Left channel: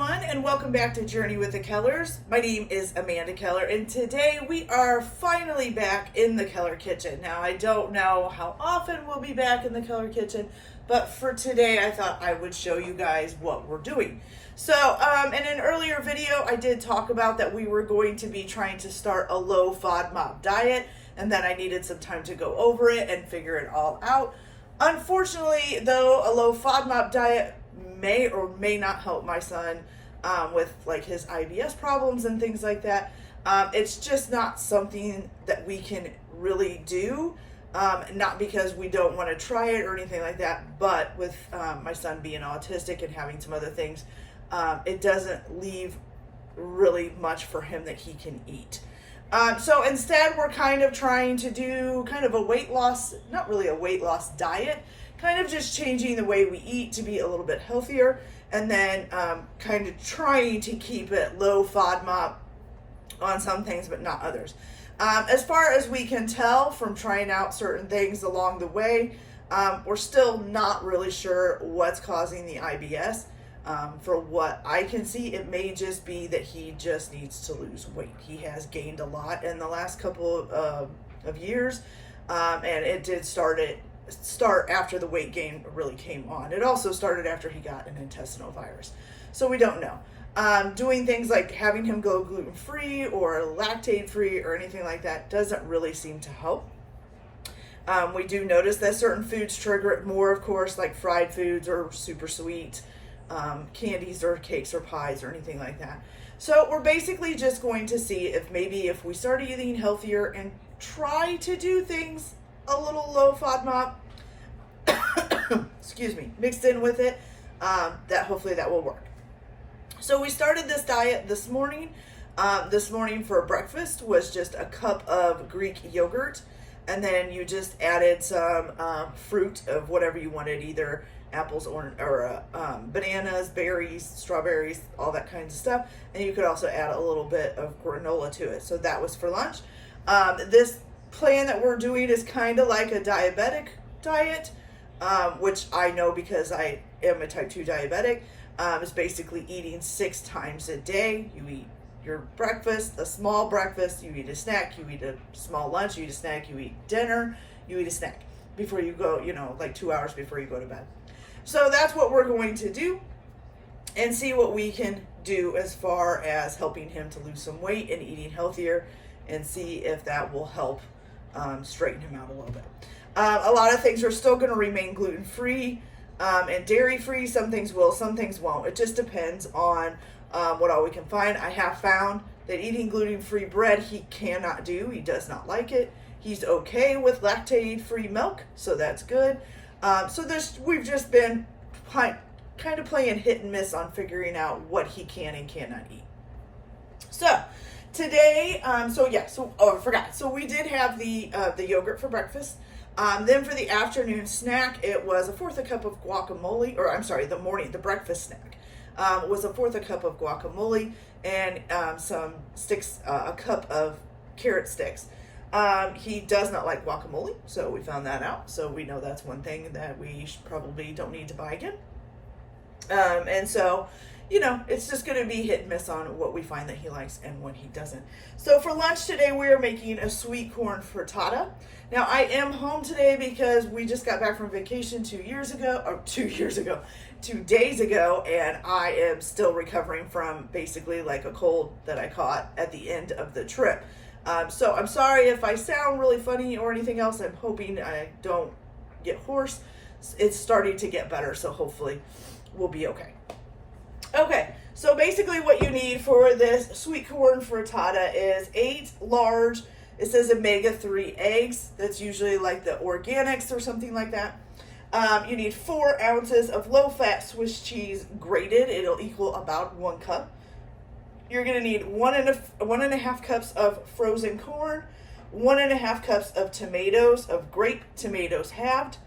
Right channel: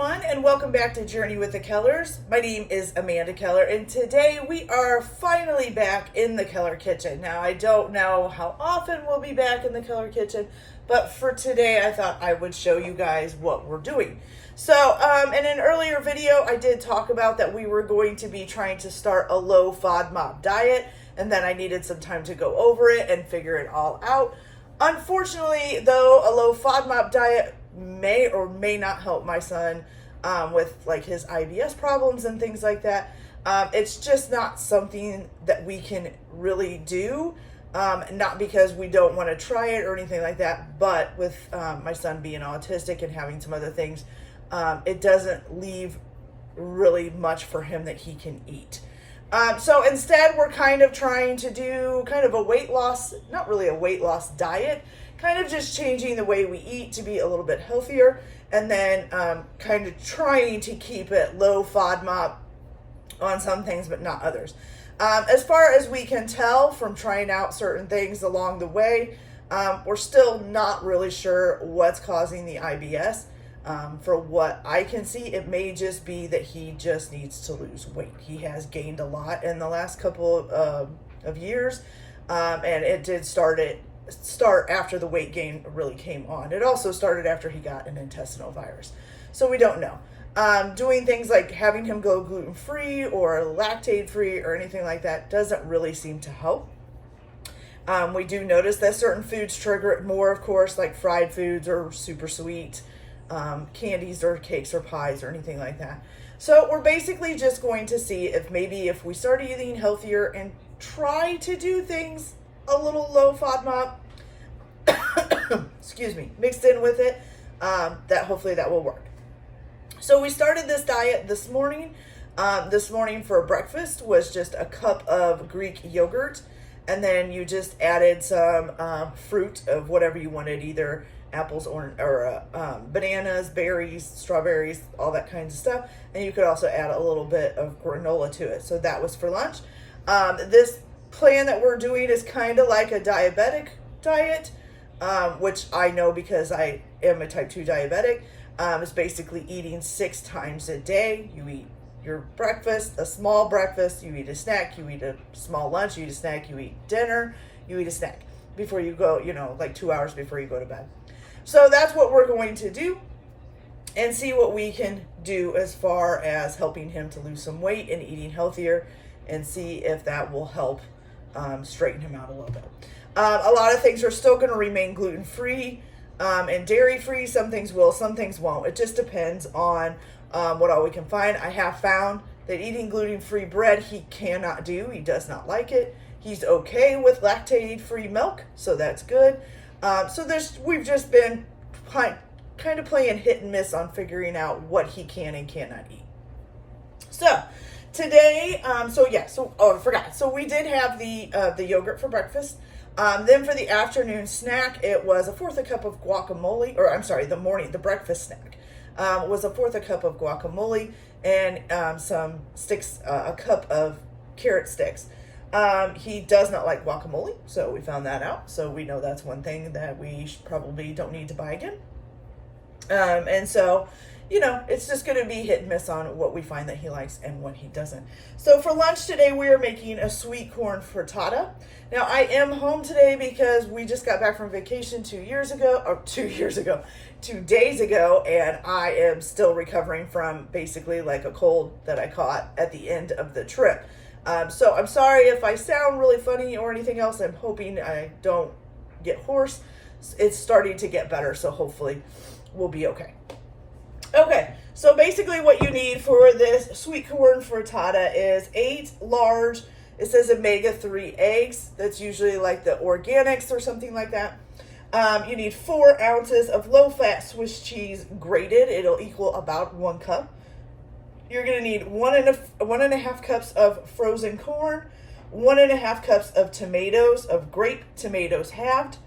everyone, and welcome back to Journey with the Kellers. My name is Amanda Keller, and today we are finally back in the Keller kitchen. Now, I don't know how often we'll be back in the Keller kitchen, but for today, I thought I would show you guys what we're doing. So, in an earlier video, I did talk about that we were going to be trying to start a low FODMAP diet, and then I needed some time to go over it and figure it all out. Unfortunately, though, a low FODMAP diet may or may not help my son with like his IBS problems and things like that. It's just not something that we can really do, not because we don't want to try it or anything like that, but with my son being autistic and having some other things, it doesn't leave really much for him that he can eat. So instead, we're kind of trying to do kind of a weight loss, not really a weight loss diet, kind of just changing the way we eat to be a little bit healthier, and then kind of trying to keep it low FODMAP on some things, but not others. As far as we can tell from trying out certain things along the way, we're still not really sure what's causing the IBS. For what I can see, it may just be that he just needs to lose weight. He has gained a lot in the last couple of years, and it did start after the weight gain really came on. It also started after he got an intestinal virus, so we don't know. Doing things like having him go gluten-free or lactate-free or anything like that doesn't really seem to help. We do notice that certain foods trigger it more, of course, like fried foods or super sweet candies or cakes or pies or anything like that. So we're basically just going to see if maybe if we start eating healthier and try to do things a little low FODMAP, excuse me, mixed in with it, that hopefully that will work. So we started this diet this morning. This morning for breakfast was just a cup of Greek yogurt, and then you just added some fruit of whatever you wanted, either apples or bananas, berries, strawberries, all that kinds of stuff. And you could also add a little bit of granola to it. So that was for lunch. This plan that we're doing is kind of like a diabetic diet, which I know because I am a type 2 diabetic. It's basically eating 6 times a day. You eat your breakfast, a small breakfast, you eat a snack, you eat a small lunch, you eat a snack, you eat dinner, you eat a snack before you go, like 2 hours before you go to bed. So that's what we're going to do and see what we can do as far as helping him to lose some weight and eating healthier, and see if that will help straighten him out a little bit. A lot of things are still going to remain gluten-free and dairy-free. Some things will, some things won't. It just depends on what all we can find. I have found that eating gluten-free bread he cannot do. He does not like it. He's okay with lactate-free milk, so that's good. So we've just been kind of playing hit and miss on figuring out what he can and cannot eat. So today, I forgot. So we did have the yogurt for breakfast. Then for the afternoon snack, it was a fourth a cup of guacamole, or I'm sorry, the breakfast snack was a fourth a cup of guacamole and some sticks, a cup of carrot sticks. He does not like guacamole, so we found that out. So we know that's one thing that we probably don't need to buy again. And so, it's just going to be hit and miss on what we find that he likes and what he doesn't. So for lunch today, we are making a sweet corn frittata. Now, I am home today because we just got back from vacation 2 days ago, and I am still recovering from basically like a cold that I caught at the end of the trip. So I'm sorry if I sound really funny or anything else. I'm hoping I don't get hoarse. It's starting to get better, so hopefully we'll be okay. Okay, so basically what you need for this sweet corn frittata is 8 large, it says omega-3 eggs. That's usually like the organics or something like that. You need 4 ounces of low-fat Swiss cheese grated. It'll equal about 1 cup. You're going to need 1.5 cups of frozen corn, 1.5 cups of tomatoes, of grape tomatoes halved,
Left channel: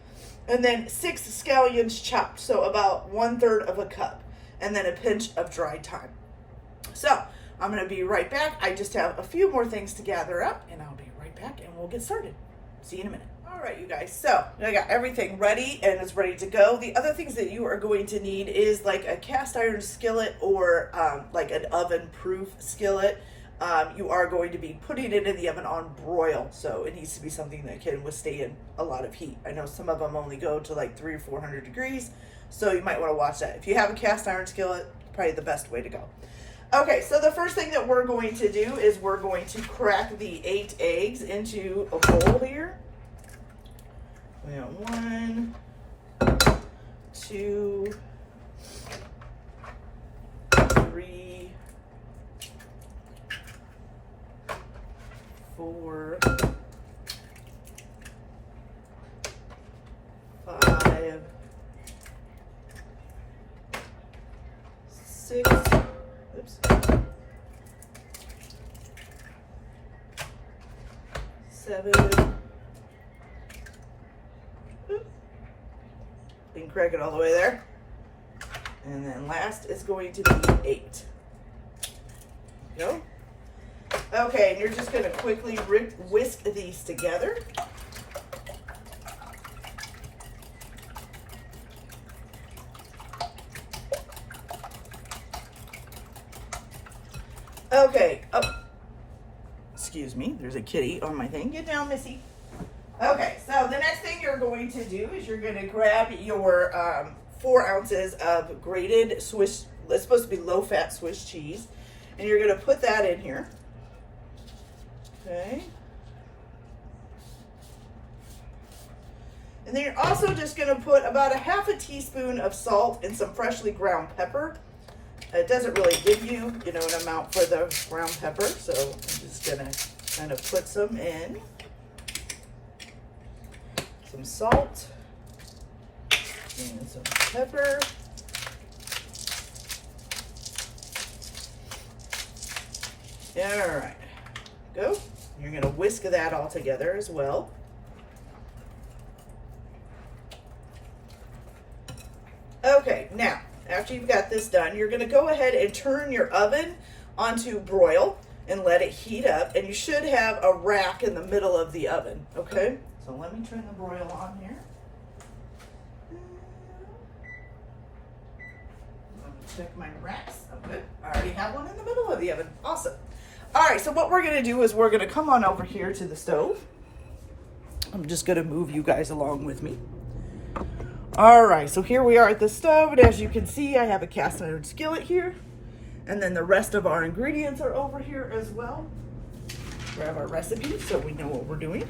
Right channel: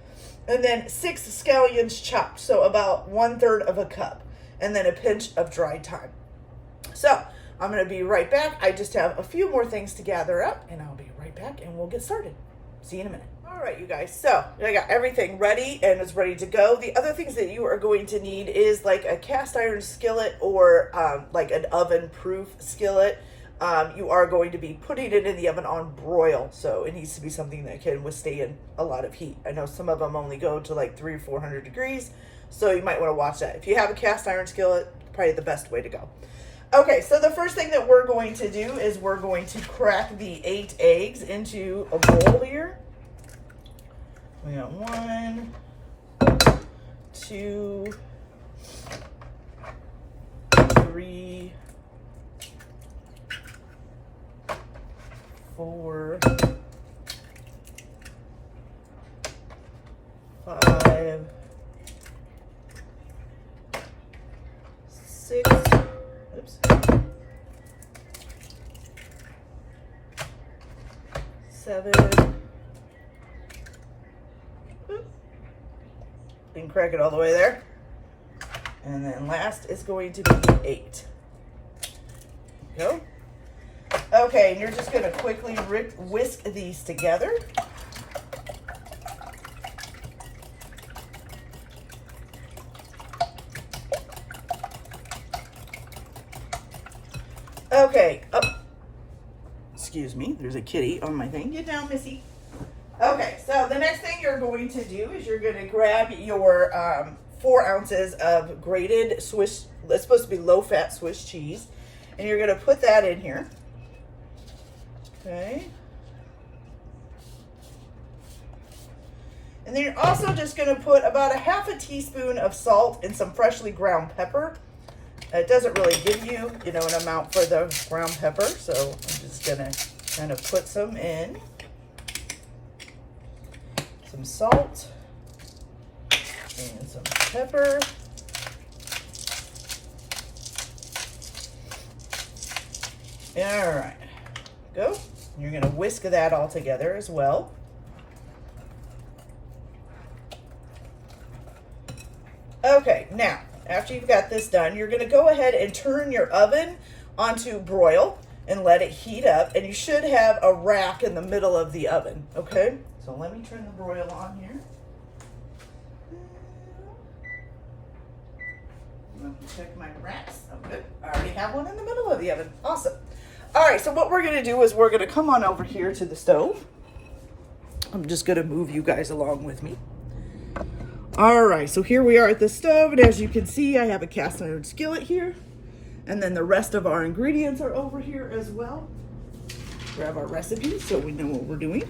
and then 6 scallions chopped, so about 1/3 of a cup, and then a pinch of dried thyme. So I'm going to be right back. I just have a few more things to gather up, and I'll be right back, and we'll get started. See you in a minute. All right, you guys, so I got everything ready and it's ready to go. The other things that you are going to need is like a cast iron skillet or like an oven proof skillet. You are going to be putting it in the oven on broil, so it needs to be something that can withstand a lot of heat. I know some of them only go to like 300 or 400 degrees, so you might want to watch that. If you have a cast iron skillet, probably the best way to go. Okay, so the first thing that we're going to do is we're going to crack the 8 eggs into a bowl here. We got 1, 2, 3, 4, 5, 6, oops, 7, and crack it all the way there. And then last is going to be 8. Go. Okay, and you're just going to quickly whisk these together. Okay. Oh, excuse me. There's a kitty on my thing. Get down, Missy. Okay, so the next thing you're going to do is you're going to grab your 4 ounces of grated Swiss, it's supposed to be low-fat Swiss cheese, and you're going to put that in here. Okay. And then you're also just going to put about a half a teaspoon of salt and some freshly ground pepper. It doesn't really give you, an amount for the ground pepper, so I'm just going to kind of put some in. Some salt and some pepper. All right, go. You're going to whisk that all together as well. Okay, now, after you've got this done, you're going to go ahead and turn your oven onto broil and let it heat up. And you should have a rack in the middle of the oven, okay? So let me turn the broil on here. Let me check my racks. Oh, good. I already have one in the middle of the oven. Awesome. All right, so what we're going to do is we're going to come on over here to the stove. I'm just going to move you guys along with me. All right, so here we are at the stove, and as you can see, I have a cast iron skillet here, and then the rest of our ingredients are over here as well. Grab our recipes so we know what we're doing.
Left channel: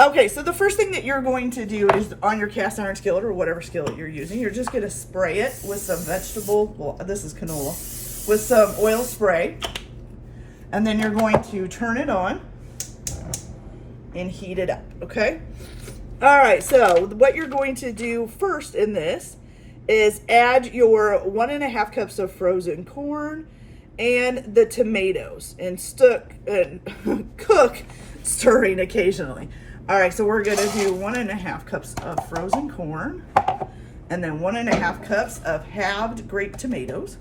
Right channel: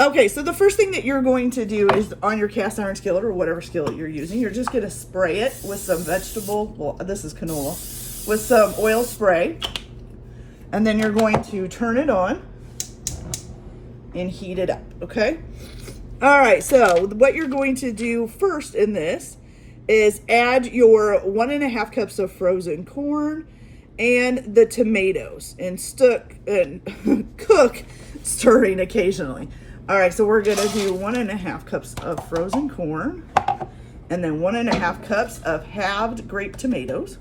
Okay, so the first thing that you're going to do is on your cast iron skillet or whatever skillet you're using, you're just going to spray it with some vegetable, well, this is canola, with some oil spray, and then you're going to turn it on and heat it up, okay? All right, so what you're going to do first in this is add your 1.5 cups of frozen corn and the tomatoes and cook, stirring occasionally. All right, so we're gonna do 1.5 cups of frozen corn and then 1.5 cups of halved grape tomatoes.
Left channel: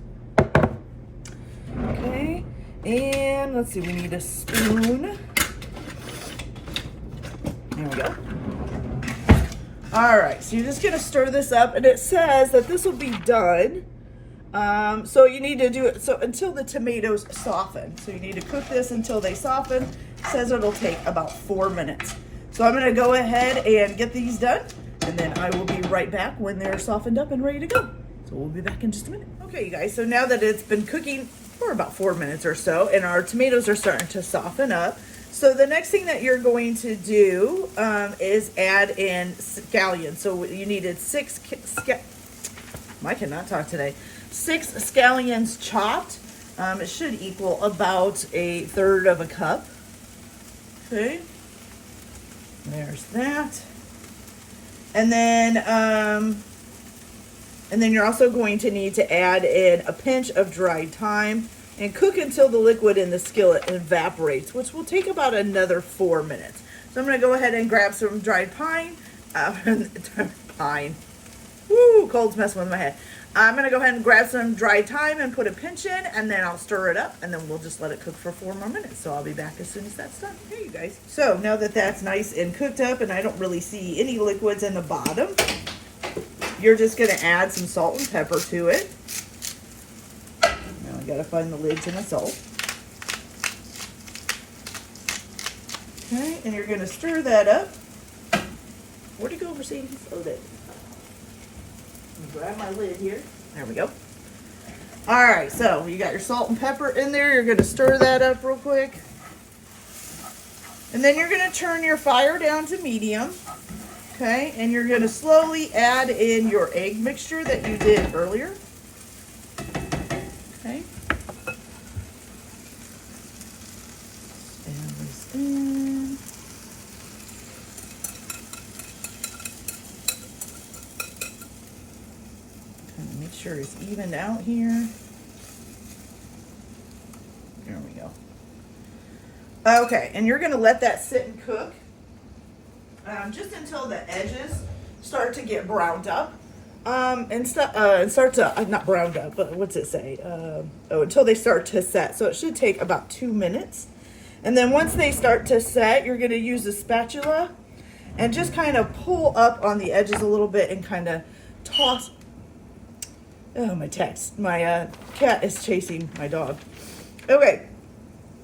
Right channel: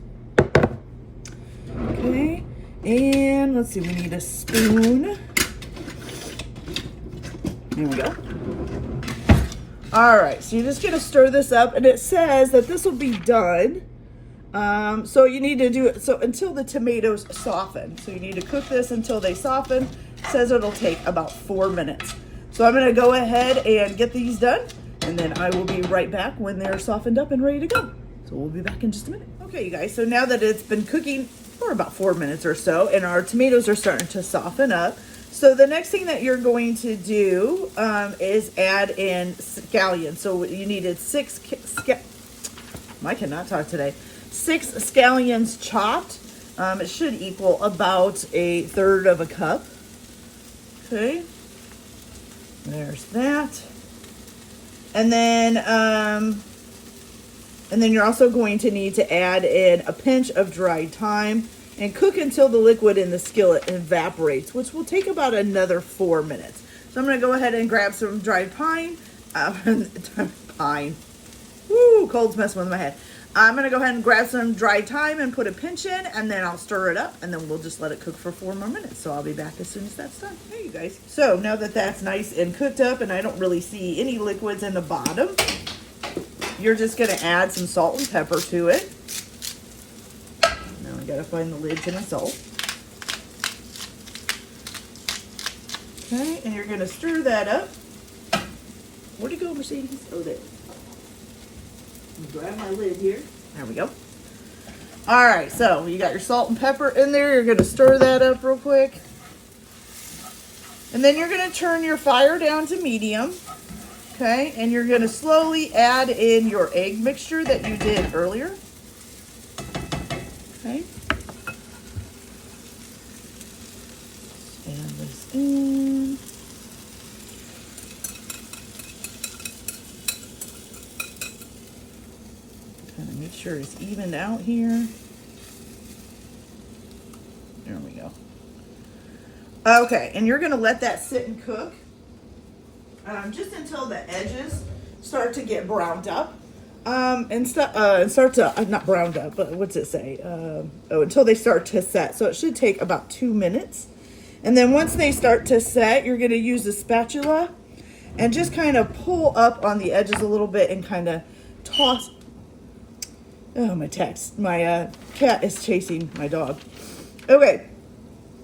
Okay, and let's see, we need a spoon. There we go. All right, so you're just gonna stir this up, and it says that this will be done. So you need to do it until the tomatoes soften. So you need to cook this until they soften. It says it'll take about 4 minutes. So I'm gonna go ahead and get these done, and then I will be right back when they're softened up and ready to go. So we'll be back in just a minute. Okay, you guys, so now that it's been cooking for about 4 minutes or so, and our tomatoes are starting to soften up, so the next thing that you're going to do is add in scallions. So you needed 6 I cannot talk today. 6 scallions chopped. It should equal about 1/3 of a cup. Okay. There's that. And then you're also going to need to add in a pinch of dried thyme and cook until the liquid in the skillet evaporates, which will take about another 4 minutes. So I'm going to go ahead and grab some dried pine. Pine. Woo, cold's messing with my head. I'm gonna go ahead and grab some dry thyme and put a pinch in, and then I'll stir it up, and then we'll just let it cook for 4 more minutes. So I'll be back as soon as that's done. Hey, you guys. So now that that's nice and cooked up, and I don't really see any liquids in the bottom, you're just gonna add some salt and pepper to it. Now I gotta find the lid to my salt. Okay, and you're gonna stir that up. Where'd it go, Mercedes? Oh, there. Grab my lid here. There we go. All right, so you got your salt and pepper in there. You're gonna stir that up real quick. And then you're gonna turn your fire down to medium. Okay, and you're gonna slowly add in your egg mixture that you did earlier. Okay. Add this in. Make sure it's evened out here. There we go. Okay, and you're gonna let that sit and cook just until the edges start to get browned up. And start to, not browned up, but what's it say? Until they start to set. So it should take about 2 minutes. And then once they start to set, you're gonna use a spatula and just kind of pull up on the edges a little bit and kind of toss. Oh, my cat is chasing my dog. Okay,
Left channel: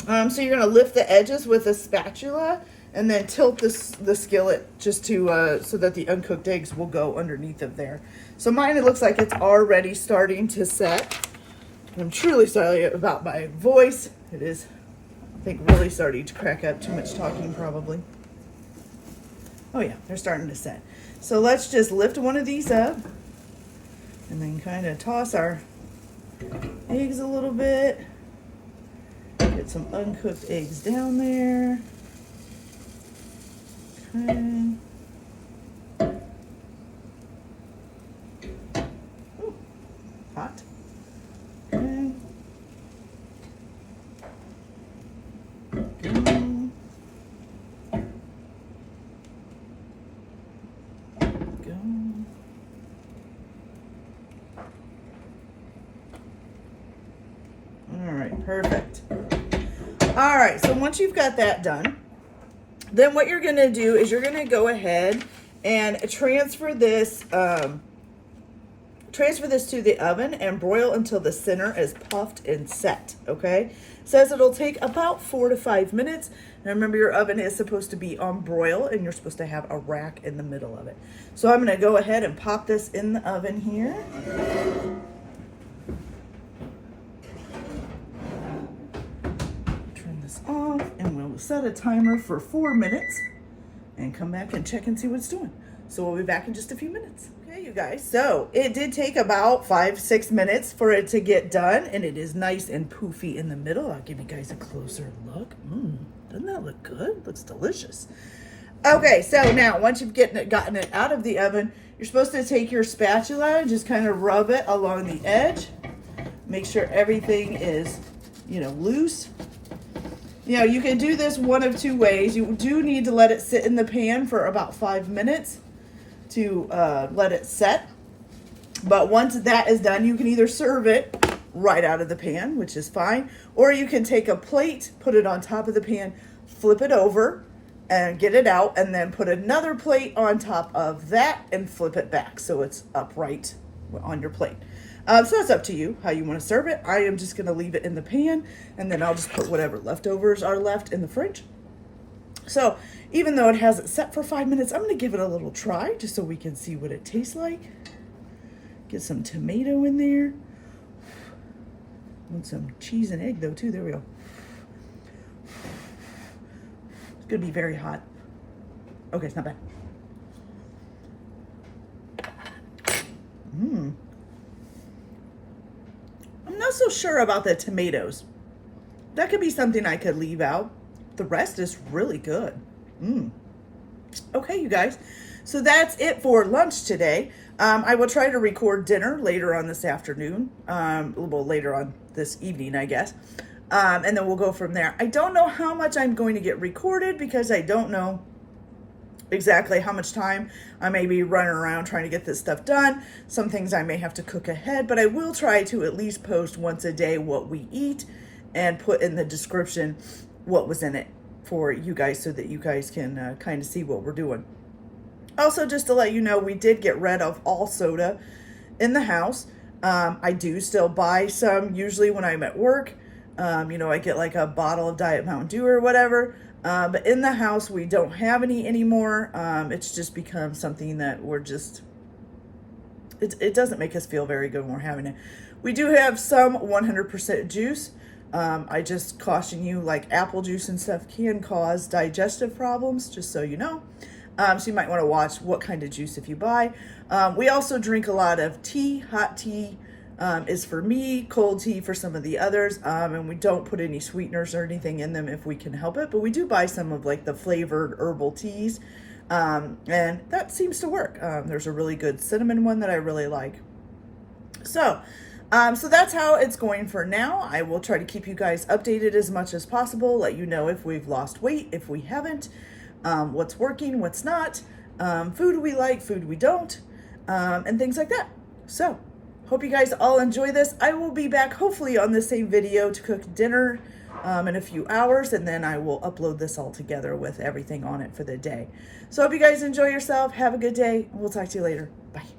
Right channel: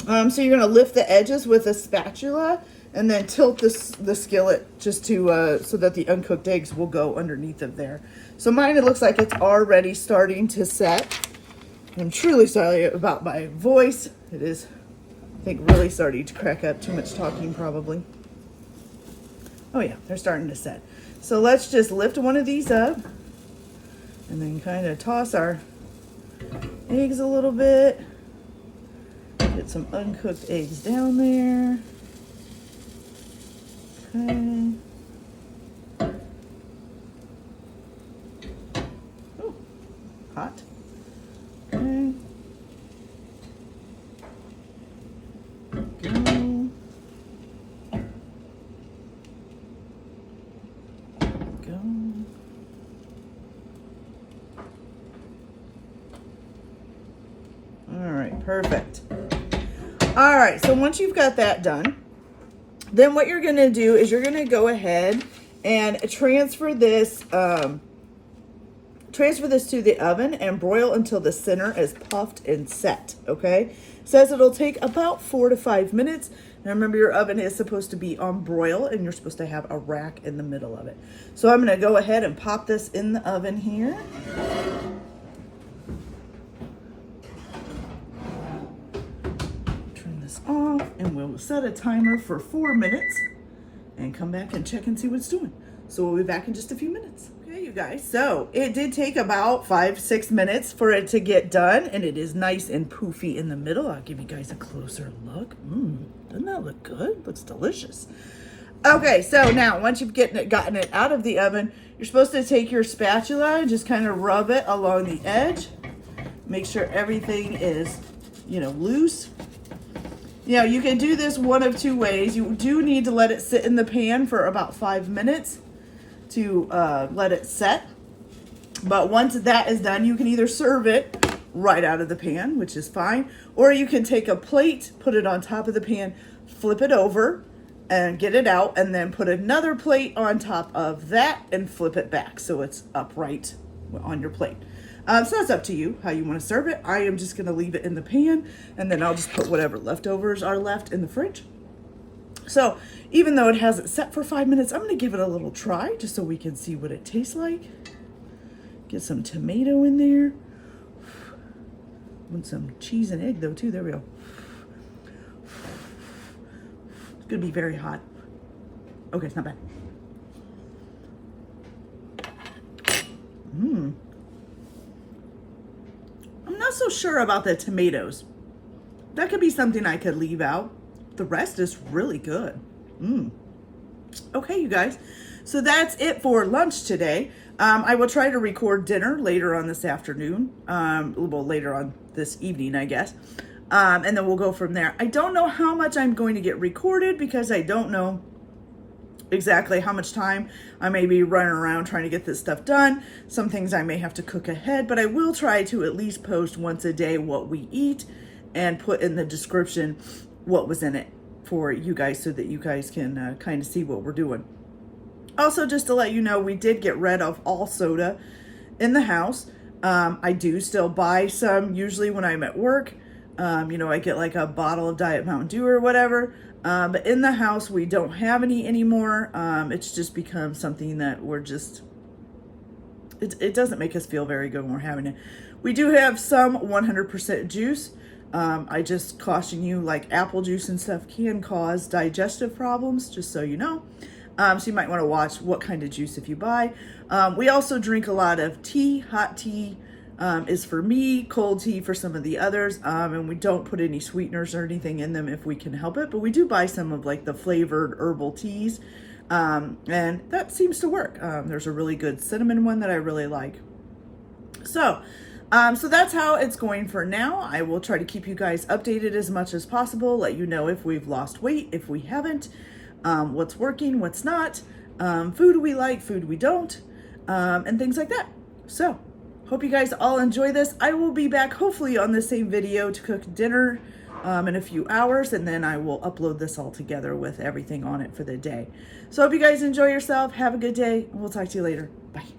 so you're gonna lift the edges with a spatula and then tilt the skillet just to so that the uncooked eggs will go underneath of there. So mine, it looks like it's already starting to set. I'm truly sorry about my voice. It is, I think, really starting to crack up. Too much talking probably. Oh yeah, they're starting to set. So let's just lift one of these up. And then kind of toss our eggs a little bit. Get some uncooked eggs down there. Okay. Ooh, hot. Okay. Go. Go. All right, perfect. All right, so once you've got that done, then what you're gonna do is you're gonna go ahead and transfer this to the oven and broil until the center is puffed and set, okay? It says it'll take about 4 to 5 minutes. Now remember, your oven is supposed to be on broil and you're supposed to have a rack in the middle of it. So I'm gonna go ahead and pop this in the oven here. Off, and we'll set a timer for 4 minutes and come back and check and see what it's doing. So we'll be back in just a few minutes. Okay, you guys, so it did take about 5-6 minutes for it to get done, and it is nice and poofy in the middle. I'll give you guys a closer look. Doesn't that look good? Looks delicious. Okay, so now once you've gotten it out of the oven, you're supposed to take your spatula and just kind of rub it along the edge. Make sure everything is, loose. You can do this one of 2 ways. You do need to let it sit in the pan for about 5 minutes to let it set. But once that is done, you can either serve it right out of the pan, which is fine, or you can take a plate, put it on top of the pan, flip it over, and get it out, and then put another plate on top of that and flip it back so it's upright on your plate. So that's up to you how you want to serve it. I am just going to leave it in the pan, and then I'll just put whatever leftovers are left in the fridge. So even though it hasn't set for 5 minutes, I'm going to give it a little try just so we can see what it tastes like. Get some tomato in there. Want some cheese and egg though too. There we go. It's going to be very hot. Okay, it's not bad. I'm not so sure about the tomatoes. That could be something I could leave out. The rest is really good. Okay, you guys. So that's it for lunch today. I will try to record dinner later on this afternoon. A little later on this evening, I guess. And then we'll go from there. I don't know how much I'm going to get recorded because I don't know exactly how much time I may be running around trying to get this stuff done. Some things I may have to cook ahead, but I will try to at least post once a day what we eat and put in the description what was in it for you guys so that you guys can kind of see what we're doing. Also, just to let you know, we did get rid of all soda in the house. I do still buy some usually when I'm at work. I get like a bottle of Diet Mountain Dew or whatever. But in the house, we don't have any anymore. It's just become something that we're just, it doesn't make us feel very good when we're having it. We do have some 100% juice. I just caution you, like apple juice and stuff can cause digestive problems, just so you know. So you might want to watch what kind of juice if you buy. We also drink a lot of tea. Hot tea is for me, cold tea for some of the others. And we don't put any sweeteners or anything in them if we can help it. But we do buy some of like the flavored herbal teas. And that seems to work. There's a really good cinnamon one that I really like. So that's how it's going for now. I will try to keep you guys updated as much as possible, let you know if we've lost weight, if we haven't. What's working, what's not, food we like, food we don't, and things like that. So, hope you guys all enjoy this. I will be back hopefully on the same video to cook dinner in a few hours, and then I will upload this all together with everything on it for the day. So, hope you guys enjoy yourself. Have a good day. We'll talk to you later. Bye.